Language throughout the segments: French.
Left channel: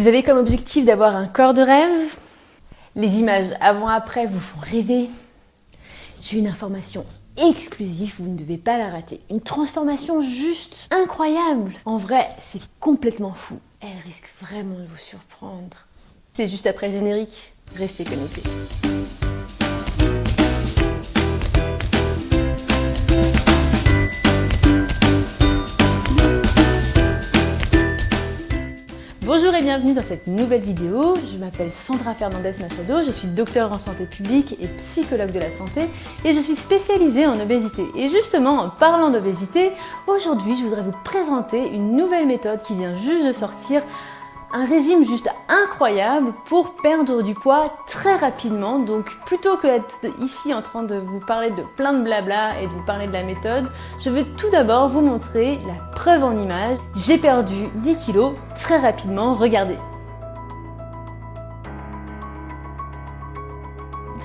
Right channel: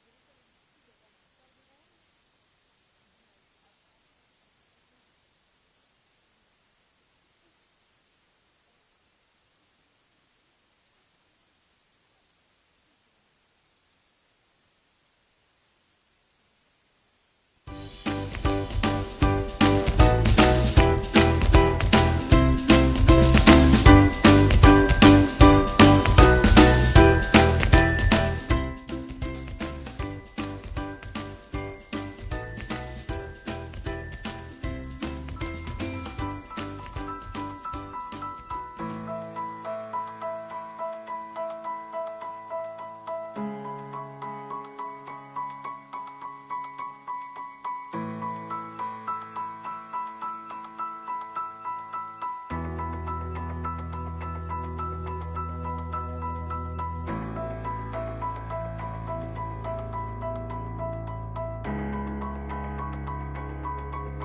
Vous avez comme objectif d'avoir un corps de rêve? Les images avant-après vous font rêver? J'ai une information exclusive, vous ne devez pas la rater. Une transformation juste incroyable. En vrai, c'est complètement fou. Elle risque vraiment de vous surprendre. C'est juste après le générique. Restez connectés. Bonjour et bienvenue dans cette nouvelle vidéo. Je m'appelle Sandra Fernandez Machado, je suis docteure en santé publique et psychologue de la santé et je suis spécialisée en obésité. Et justement, en parlant d'obésité, aujourd'hui je voudrais vous présenter une nouvelle méthode qui vient juste de sortir. Un régime juste incroyable pour perdre du poids très rapidement. Donc plutôt que d'être ici en train de vous parler de plein de blabla et de vous parler de la méthode, je veux tout d'abord vous montrer la preuve en image. J'ai perdu 10 kilos très rapidement, regardez.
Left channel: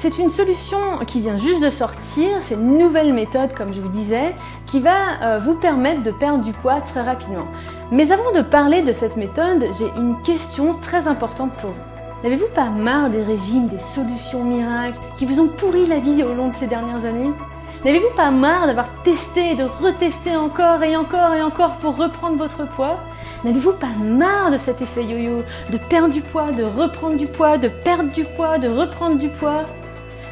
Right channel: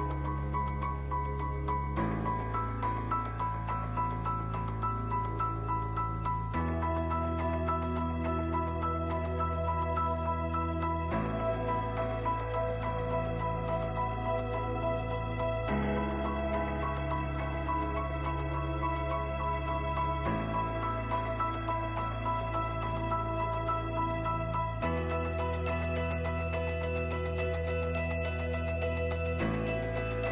C'est une solution qui vient juste de sortir, c'est une nouvelle méthode comme je vous disais, qui va vous permettre de perdre du poids très rapidement. Mais avant de parler de cette méthode, j'ai une question très importante pour vous. N'avez-vous pas marre des régimes, des solutions miracles qui vous ont pourri la vie au long de ces dernières années? N'avez-vous pas marre d'avoir testé et de retester encore et encore et encore pour reprendre votre poids? N'avez-vous pas marre de cet effet yo-yo, de perdre du poids, de reprendre du poids, de perdre du poids, de reprendre du poids?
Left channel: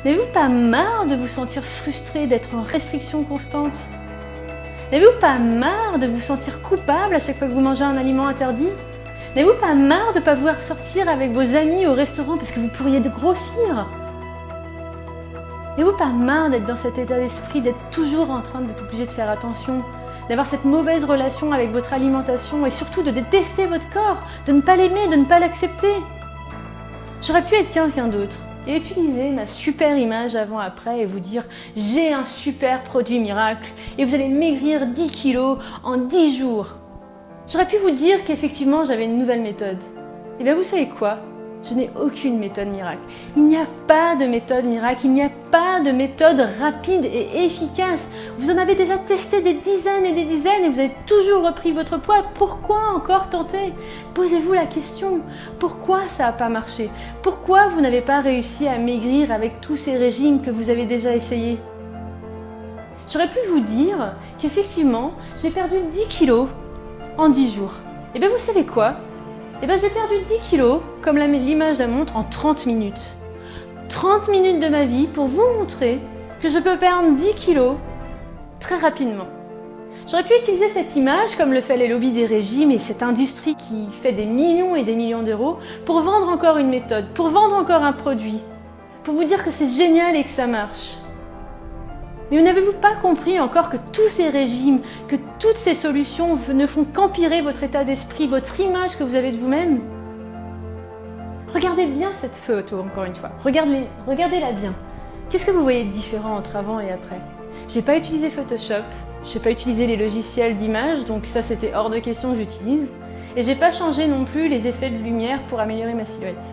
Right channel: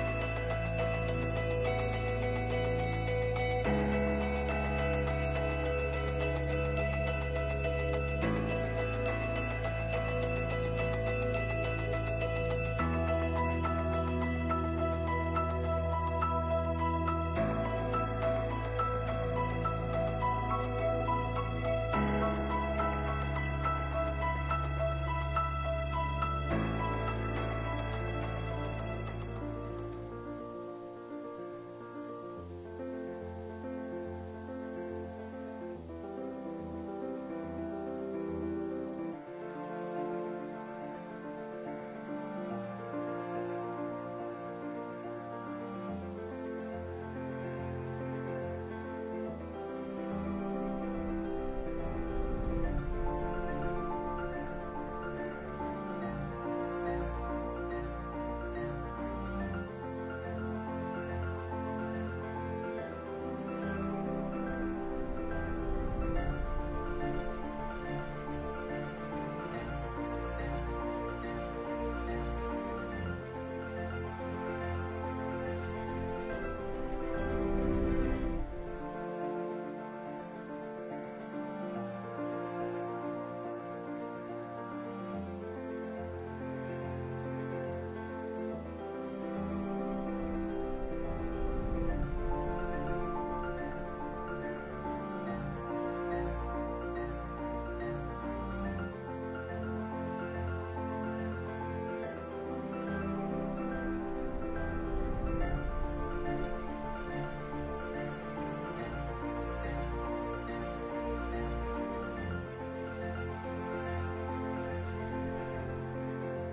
N'avez-vous pas marre de vous sentir frustré, d'être en restriction constante? N'avez-vous pas marre de vous sentir coupable à chaque fois que vous mangez un aliment interdit? N'avez-vous pas marre de ne pas vouloir sortir avec vos amis au restaurant parce que vous pourriez grossir? N'avez-vous pas marre d'être dans cet état d'esprit, d'être toujours en train d'être obligé de faire attention, d'avoir cette mauvaise relation avec votre alimentation et surtout de détester votre corps, de ne pas l'aimer, de ne pas l'accepter? J'aurais pu être quelqu'un d'autre et utiliser ma super image avant-après et vous dire « j'ai un super produit miracle et vous allez maigrir 10 kilos en 10 jours ». J'aurais pu vous dire qu'effectivement j'avais une nouvelle méthode. Et bien vous savez quoi? Je n'ai aucune méthode miracle. Il n'y a pas de méthode miracle, il n'y a pas de méthode rapide et efficace. Vous en avez déjà testé des dizaines et des dizaines et vous avez toujours repris votre poids. Pourquoi encore tenter? Posez-vous la question. Pourquoi ça n'a pas marché? Pourquoi vous n'avez pas réussi à maigrir avec tous ces régimes que vous avez déjà essayés? J'aurais pu vous dire qu'effectivement, j'ai perdu 10 kilos en 10 jours. Et bien vous savez quoi? Et bien j'ai perdu 10 kilos, comme l'image la montre, en 30 minutes. 30 minutes de ma vie pour vous montrer que je peux perdre 10 kilos très rapidement. J'aurais pu utiliser cette image, comme le fait les lobbies des régimes et cette industrie qui fait des millions et des millions d'euros, pour vendre encore une méthode, pour vendre encore un produit, pour vous dire que c'est génial et que ça marche. Mais n'avez-vous pas compris encore que tous ces régimes, que toutes ces solutions ne font qu'empirer votre état d'esprit, votre image que vous avez de vous-même? Regardez bien cette photo encore une fois, regardez-la bien. Qu'est-ce que vous voyez de différent entre avant et après? J'ai pas utilisé Photoshop, je n'ai pas utilisé les logiciels d'image, donc ça c'était hors de question que j'utilise. Et j'ai pas changé non plus les effets de lumière pour améliorer ma silhouette.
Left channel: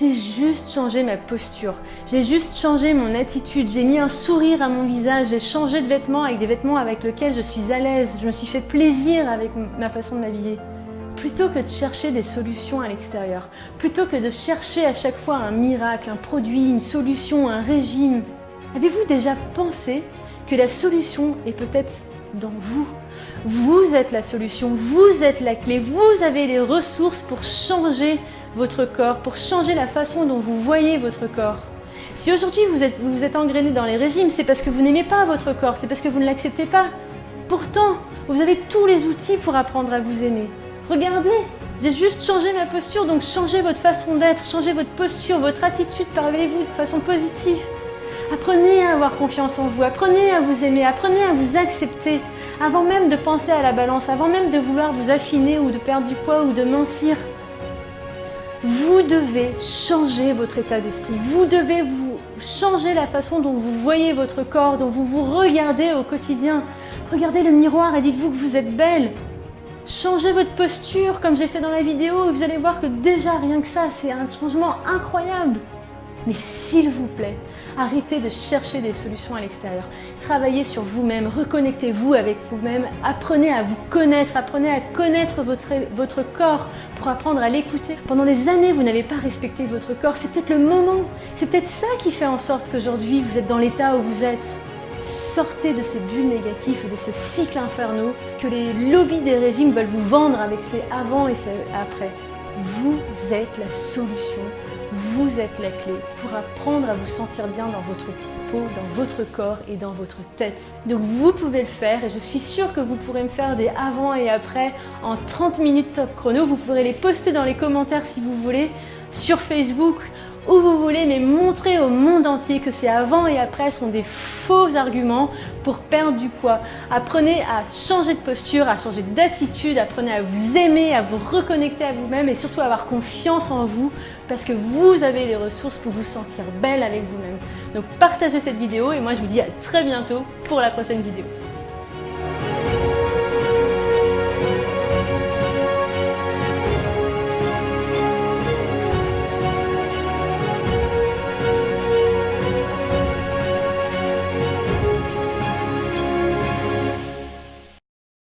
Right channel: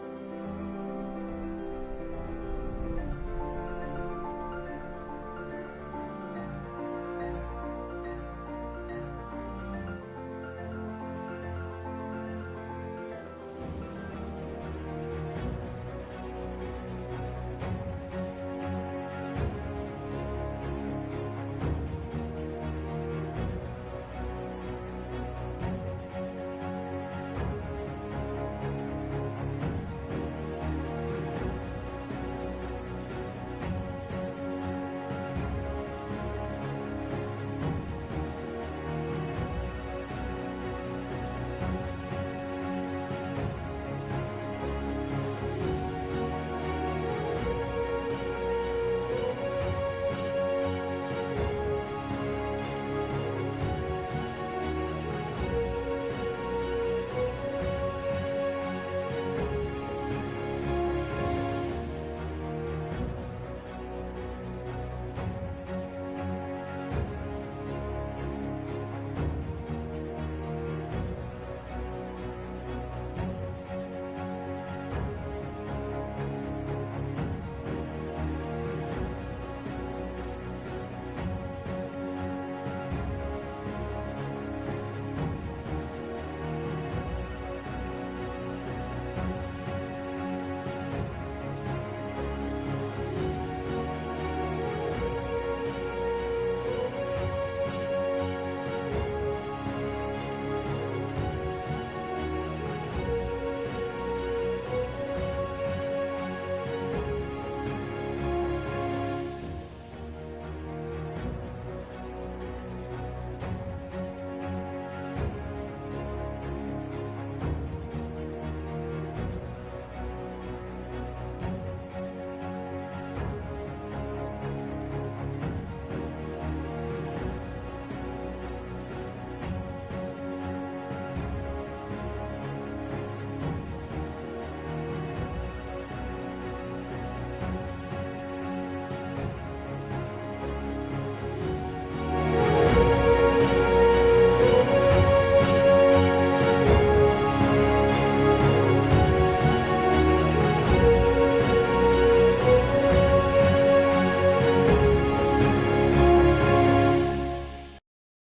J'ai juste changé ma posture, j'ai juste changé mon attitude, j'ai mis un sourire à mon visage, j'ai changé de vêtements avec des vêtements avec lesquels je suis à l'aise, je me suis fait plaisir avec ma façon de m'habiller. Plutôt que de chercher des solutions à l'extérieur, plutôt que de chercher à chaque fois un miracle, un produit, une solution, un régime, avez-vous déjà pensé que la solution est peut-être dans vous? Vous êtes la solution, vous êtes la clé, vous avez les ressources pour changer votre corps, pour changer la façon dont vous voyez votre corps. Si aujourd'hui vous êtes engrainé dans les régimes, c'est parce que vous n'aimez pas votre corps, c'est parce que vous ne l'acceptez pas. Pourtant, vous avez tous les outils pour apprendre à vous aimer. Regardez, j'ai juste changé ma posture, donc changez votre façon d'être, changez votre posture, votre attitude, parlez-vous de façon positive. Apprenez à avoir confiance en vous, apprenez à vous aimer, apprenez à vous accepter. Avant même de penser à la balance, avant même de vouloir vous affiner ou de perdre du poids ou de mincir, vous devez changer votre état d'esprit, vous devez changer la façon dont vous voyez votre corps, dont vous vous regardez au quotidien. Regardez le miroir et dites-vous que vous êtes belle. Changez votre posture comme j'ai fait dans la vidéo, vous allez voir que déjà rien que ça, c'est un changement incroyable. Mais s'il vous plaît, arrêtez de chercher des solutions à l'extérieur. Travaillez sur vous-même, reconnectez-vous avec vous-même, apprenez à vous connaître, apprenez à connaître votre corps pour apprendre à l'écouter. Pendant des années, vous n'avez pas respecté votre corps, c'est peut-être le moment, c'est peut-être ça qui fait en sorte qu'aujourd'hui vous êtes dans l'état où vous êtes. Sortez de ces bulles négatives, de ces cycles infernaux que les lobbies des régimes veulent vous vendre avec ces avant et ces après. Vous êtes la solution, vous êtes la clé pour apprendre à vous sentir bien dans votre peau, dans votre corps et dans votre tête. Donc vous pouvez le faire et je suis sûre que vous pourrez me faire des avant et après en 30 minutes top chrono. Vous pourrez les poster dans les commentaires si vous voulez, sur Facebook, où vous voulez, mais montrer au monde entier que ces avant et après sont des faux arguments pour perdre du poids. Apprenez à changer de posture, à changer d'attitude, apprenez à vous aimer, à vous reconnecter à vous-même et surtout à avoir confiance en vous parce que vous avez les ressources pour vous sentir belle avec vous-même. Donc partagez cette vidéo et moi je vous dis à très bientôt pour la prochaine vidéo.